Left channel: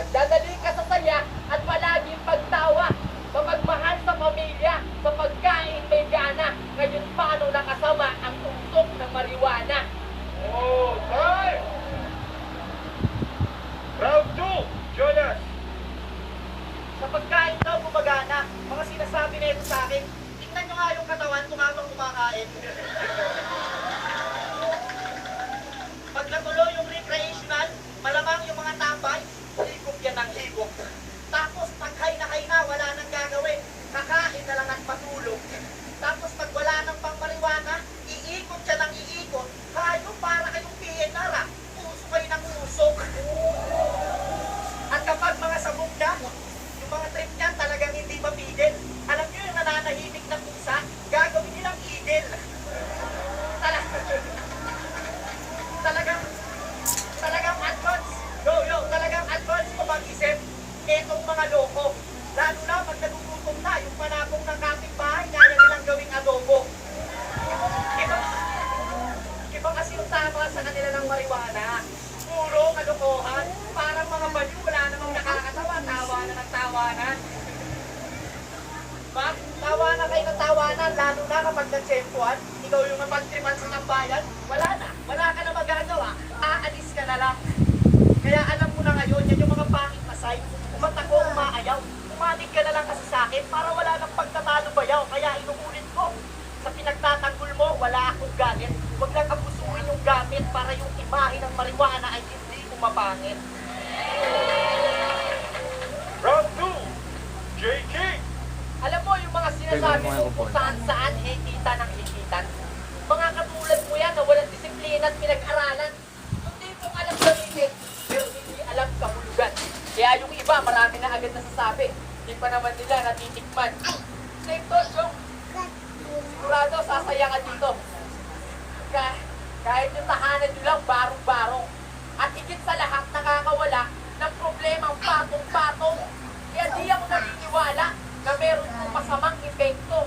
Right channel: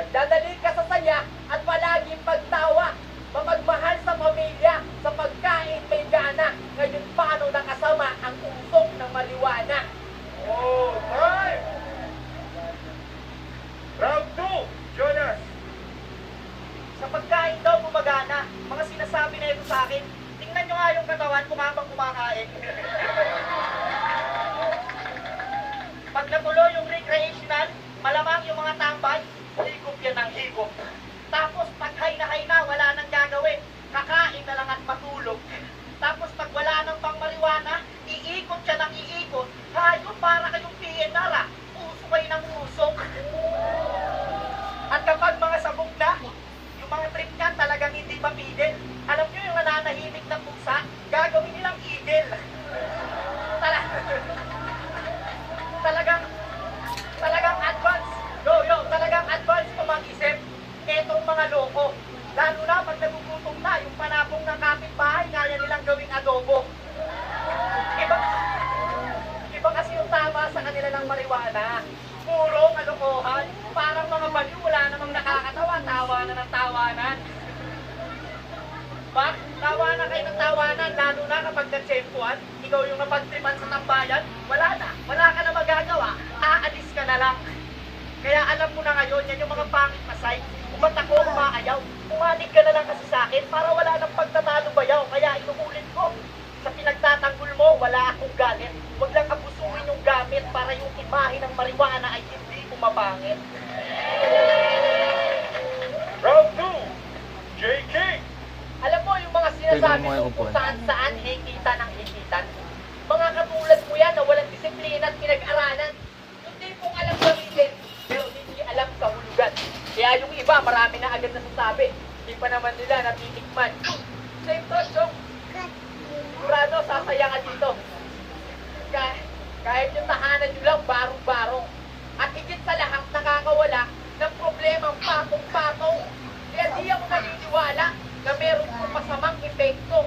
Nagdadali ka sa saya at palaging pagtawa. Mapagmahal sa pamilya, sa pagkain may gana. Ngayon paano nakasama ang usok ng marijuana? Oh, time! Round 2, Jonas. Sa pagkain daw gumagana, mga sinasabi na ito sa akin. Tingnan nyo nga yung katawan kung habang kumakain. Pag natuloy yung recreational, malamang yung mga tambay, higop yan ng higop. Tapos pag hay na, wala nang gagawin. Kakain na lang at matulog. Tapos pag wala nang pangmariwana, iikot siya ng iikot. Hayo para kayong PNR ah. Puso kayo ng usok. At kapag mga sabog na, yung mga trip niyan talagang hindi mapigil. Alam nyo yung nananahimik ng pusa, gagawin nilang igil. Talagang advance. Talagang advance kung mag-isip. Etong mga loko. Lalo na pag nagugutom na, yung panapong ng kapitbahay, kaya nilang gawing adobo. Iba kasi yung tama sa kanila ng marijuana. Puro kalokohan. Parang mga baliw, wala namang nakakatawa. Tawanan ng tawanan. Ba? Tawanan kayo ng tawanan, lalo na kapag nagsempuan, ikaw yung napagtripan sa tambayan, wala ka na magagawa, aalis ka na lang. Kaya alam mo na ngayon, yan yung mga pangit na side. Umatako, umaayaw, umalig ka na lang kasi sa akin para wala nang pagtatalo bayaw. Kaya inuulit ko, sa pinagtatanggol mo, wala akong galit. Huwag lang abusuin yung gamit para yung imahe ng marijuana ay hindi pumapangit. Round 2, JK. Alam mo yung mga sinasabi mo kung saan hikita ng hikitan. Mga katulad mo yan na walang disiplina at pinag-aralan. Hindi mong alam gamitin, pero hindi alam kahulugan. Kaya yung iba, marami na agad nasasabi. Hindi pa naman nila natitikman. Same to, Chong. Sigurado, sasaya ka dito. Kahit yung tahanan nyo lang, barong-barong. At higit sa lahat, nakakawala ng problemang patong-patong. Kaya di ako naniniwala na meron kong masamang epekto.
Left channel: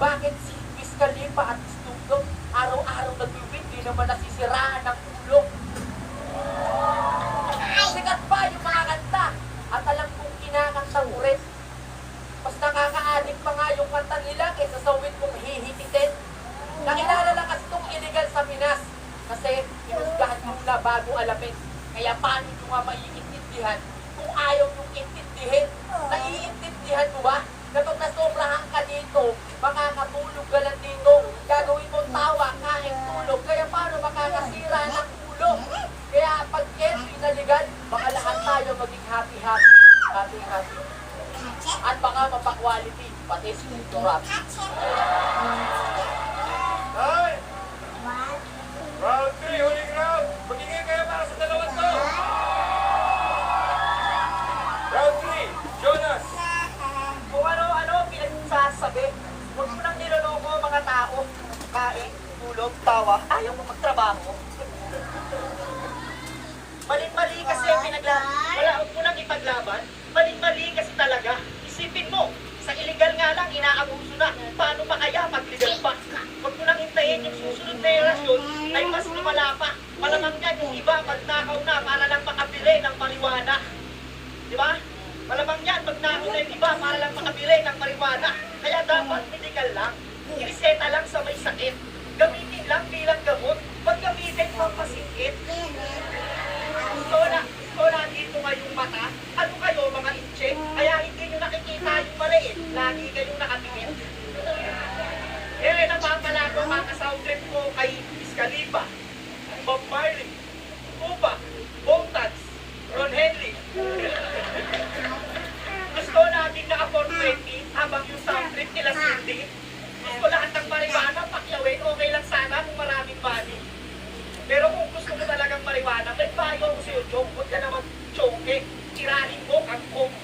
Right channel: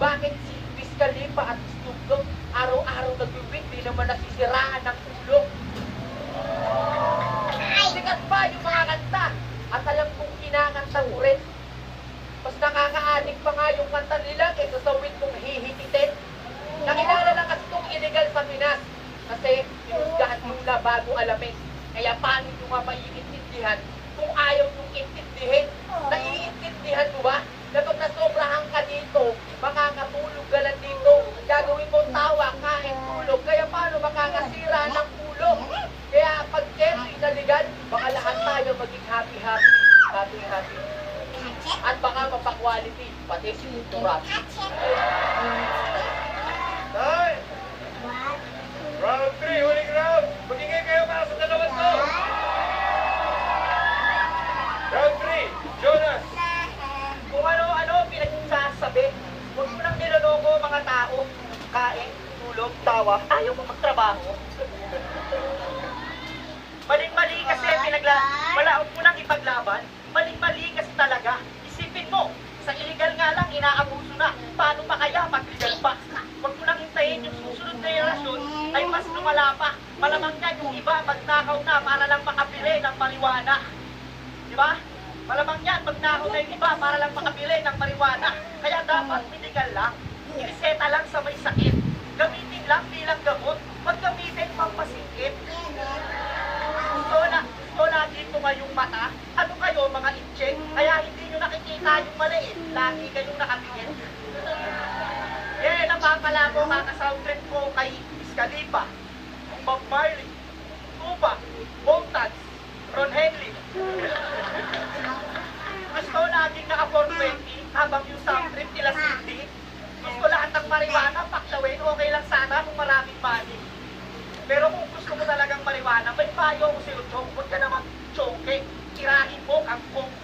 Bakit si Wiz Khalifa at Snoop Dogg araw-araw nag-win, di naman nasisiraan ng ulo? Sikat pa yung mga kanta at alam kong kinakanta ko rin. Mas nakaka-addict pa nga yung kanta nila kaysa sa win kong hihikitin. Nakilala lang kasi itong illegal sa Pinas kasi pinusgahan muna bago alamin. Kaya paano nyo nga maiintindihan kung ayaw nyung intindihin? Naiintindihan mo ba? Kapag nasobrahan ka dito, makakatulog ka lang dito. Gagawin mong tawa, kain, tulog. Kaya paano makakasira ng ulo? Kaya pag every naligan, baka lahat tayo maging happy-happy. Happy-happy. At baka mapakwality, pati si Mundo Rap. Time! Round 3, huling round. Magiging kayo para sa dalawang to. Round 3, Jonas. Kung ano-ano pinagsasabi, huwag mo nang niloloko mga tao. Kain, tulog, tawa, ayaw mo magtrabaho. Maling-mali kasi wala mo nang ipaglaban. Maling-mali kasi talaga. Isipin mo, sa illegal nga lang, inaabuso na. Paano pa kaya pag legal pa? Huwag mo nang hintayin yung susunod na henerasyon ay mas lumala pa. Malamang yan yung iba magnakaw na para lang makabili ng marijuana. Di ba? Malamang yan, magnakaw na yung iba para lang makabili ng marijuana. Kaya dapat medical lang. Iniseta lang sa may sakit. Gamitin lang bilang gamot. Huwag gamitin pang pasingkit. Gusto na dito ngayong mata. Ano kayo mga itche? Kaya hindi nyo nakikita yung maliit. Lagi kayong nakatingin. Napapala ko mga soundtrack ko kay Wiz Khalifa, Bob Marley, Tupac, Boltads, Ron Henley. Gusto nating naka-420 habang yung soundtrack nila Cindy. Gusto lahat ng marijuana, paklawin, okay lang sana kung maraming money. Pero kung gusto mo talagang marijuana, may payo ko sa'yo, Chong. Huwag ka na mag-choke. Tirahin mo ang coke.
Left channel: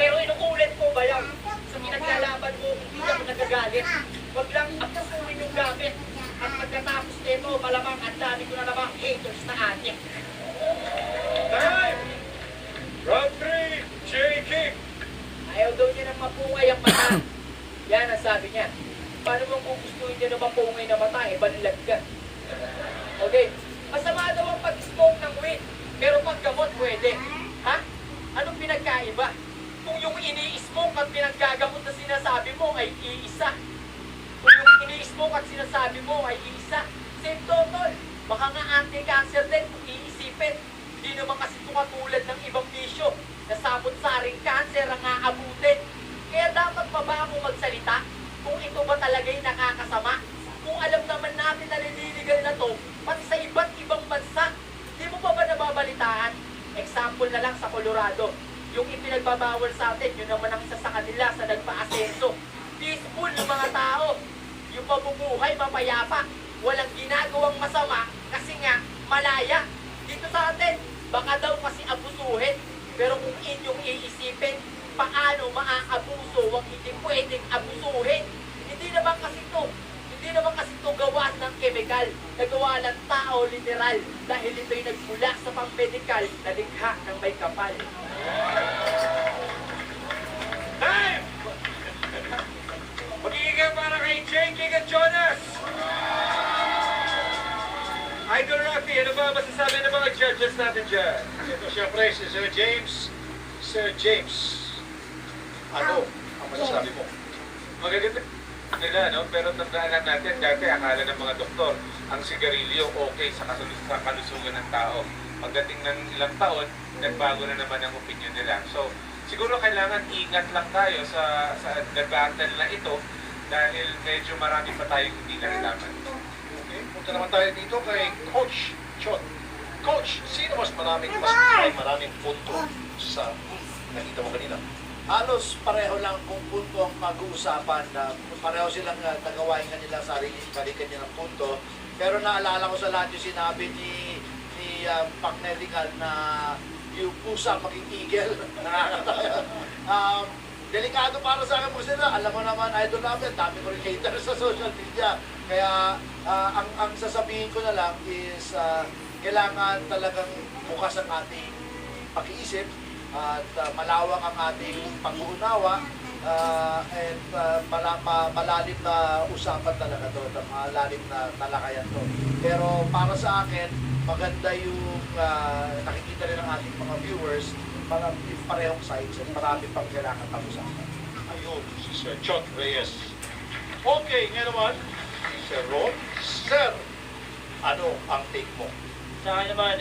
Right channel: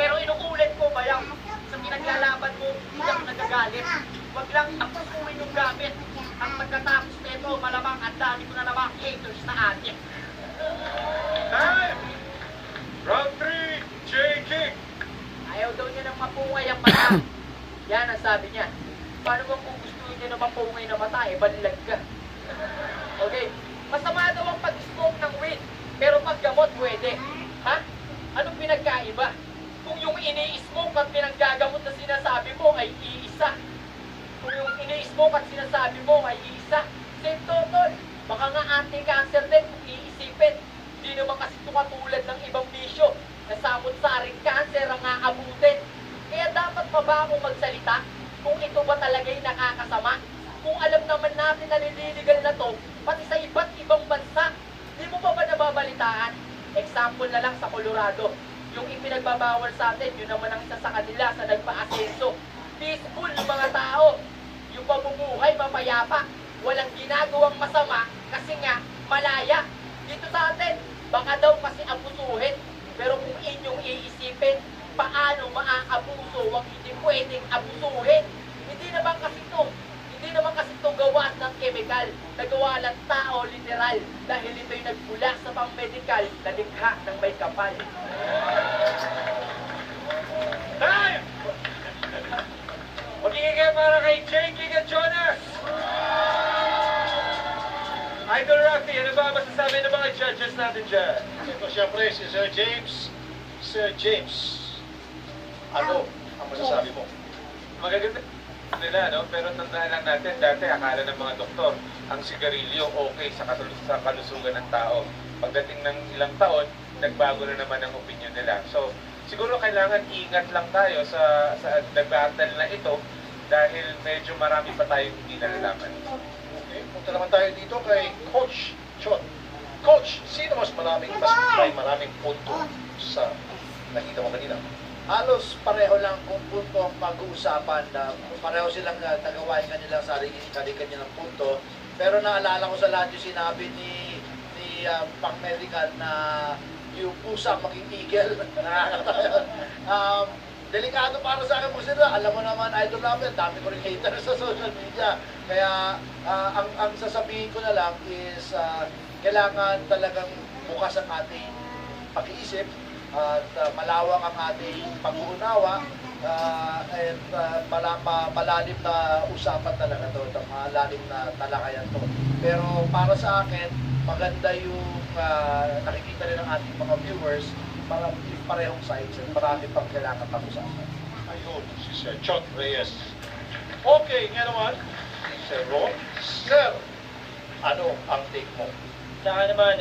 Pero inuulit ko ba yan? Sa pinaglalaban mo, hindi ako nagagalit. Huwag lang apusuin yung gamit. At pagkatapos nito, malamang ang dami ko na namang haters na adik. Time! Round 3, JK. Ayaw daw niya ng mapungay ang mata. Yan ang sabi niya. Paano kung gustuin niya na mapungay na mata, balilag ka. Okay. Masama daw ang pag-smoke ng weed. Pero pag gamot, pwede. pwede. Ha? Anong pinagkaiba? Kung yung ini-smoke at pinanggagamot na sinasabi mo ay iisa. Kung yung ini-smoke at sinasabi mo ay iisa. Same total. Baka nga anti-cancer din kung iisipin. Hindi naman kasi ito katulad ng ibang bisyo na sabot-saring cancer ang aabutin. Kaya dapat pa ba akong magsalita kung ito ba talaga'y nakakasama? Kung alam naman natin na nililigal na to, pati sa iba't ibang bansa, di mo pa ba nababalitaan? Example na lang sa Colorado, yung ipinagbabawal sa atin, yun naman ang isa sa kanila sa nagpa-asenso. Peaceful yung mga tao, yung pamumuhay mapayapa, walang ginagawang masama kasi nga malaya. Dito sa atin, baka daw kasi abusuhin, pero kung inyong iisipin, paano maaabuso ang hindi pwedeng abusuhin? Hindi naman kasi ito gawa ng chemical, nagawa ng tao literal dahil ito'y nagmula sa pang-medical na likha ng may kapal. Time! Magiging kayo para kay King at Jonas! Idol Rafi, ano ba masasabi ng mga judges natin dyan? Ito siyempre si Sir James. Sir James, ano ang masasabi mo? Magaganda nila, no? Pero tandaan lang natin, dati akala ng mga doktor, ang sigarilyo okay sa kalusugan ng tao. Pagdating ng ilang taon, nagbago na naman ang opinion nila. So, siguro kailangan ingat lang tayo sa nag-battle na ito dahil medyo marami pa tayong hindi nalalaman. Okay, punta naman tayo dito kay Coach Chot. Coach, sino mas maraming punto sa nakita mo kanina? Halos pareho lang kung punto ang pag-uusapan na pareho silang nagawain kanilang sarili kanya ng punto. Pero naalala ko sa lahat yung sinabi ni Pac Medical na yung pusa maging eagle. Delikado para sa akin po sila. Alam mo naman, idol namin, dami ko rin hater sa social media. Kaya ang sasabihin ko na lang is kailangan talagang bukas ang ating pag-iisip at malawak ang ating pag-uunawa and malalim na usapan talaga to, malalim na talakayan to. Pero para sa akin, maganda yung nakikita rin ng ating mga viewers, mga parehong sides at marami pang kailangan pag-usapan. Ayun, si Sir Chot Reyes. Okay, nga naman, si Sir Ron. Sir, ano ang take mo? Sa akin naman,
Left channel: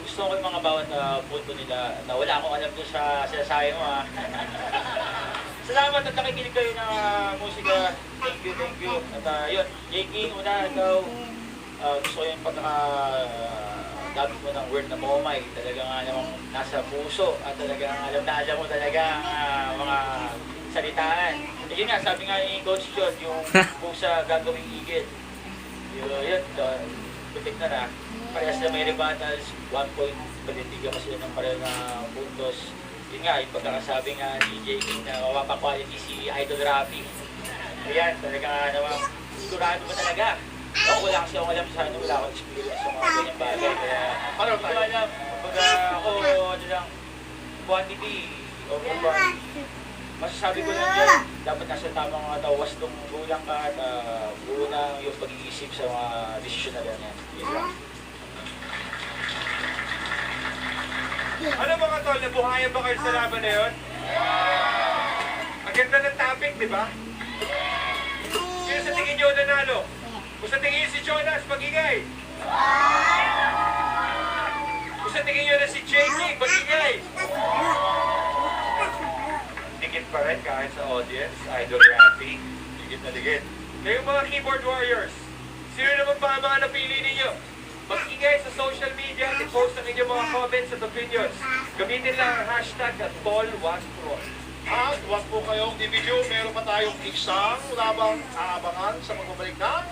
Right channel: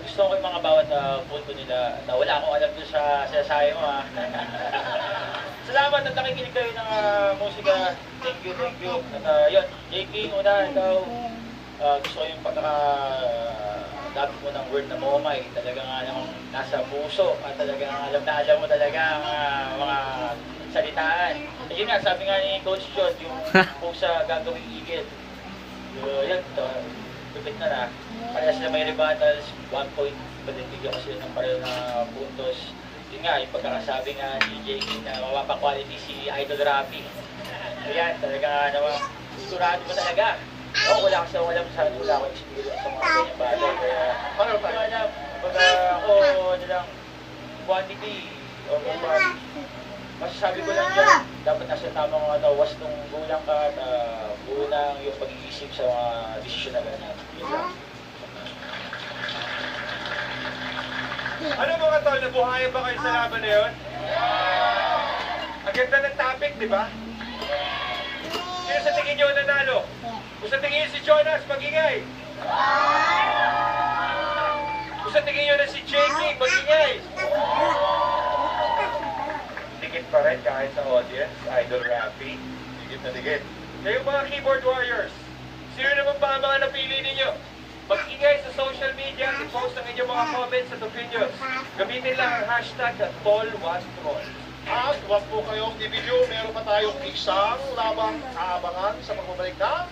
gusto ko yung mga bawat punto nila na wala akong alam doon sa sinasabi mo. Salamat at nakikinig kayo ng musika. Thank you. At yun, J.K. una daw, gusto ko yung pagkakadapit mo ng word na momay. Talaga nga namang nasa puso at talaga alam na alam mo talaga ang mga salitaan. At yun nga, sabi nga ni Coach John, yung pusa gagawing igit. Yun, tutik na. Parehas na may rebuttals, 1 point, palintigyan ko sila ng pareho na puntos. Yun nga, yung pagkakasabi nga ni JK na mapapa-quality si Idol Rafi. Ayan, talaga nga naman, sigurado ba talaga? Ako wala kasi ako alam sa akin, wala akong experience sa mga ganyan bagay. Kaya, Paano hindi ko tayo? alam, pag ako, ano lang, quantity or quality. Masasabi ko lang dyan, dapat nasa tamang tawas nung gulang ka at unang yung pag-iisip sa mga desisyon na ganyan. Yun lang. Ano mga tol, nabuhayan ba kayo sa laban na yun? Ang ganda ng topic, di ba? Sino sa tingin nyo nanalo? Kung sa tingin nyo si Jonas, magingay. Kung sa tingin nyo na si JP, magingay. Dikit pa rin kahit sa audience, Idol Rafi. Dikit na dikit. Na yung mga keyboard warriors, sino naman pa ang mga napili ninyo? Mag-ingay sa social media at i-post ang inyong mga comments at opinions. Gamitin lang ang hashtag at #PaulWatchTroll. At huwag po kayong dividyo, meron pa tayong isang labang aabangan sa pagbabalik ng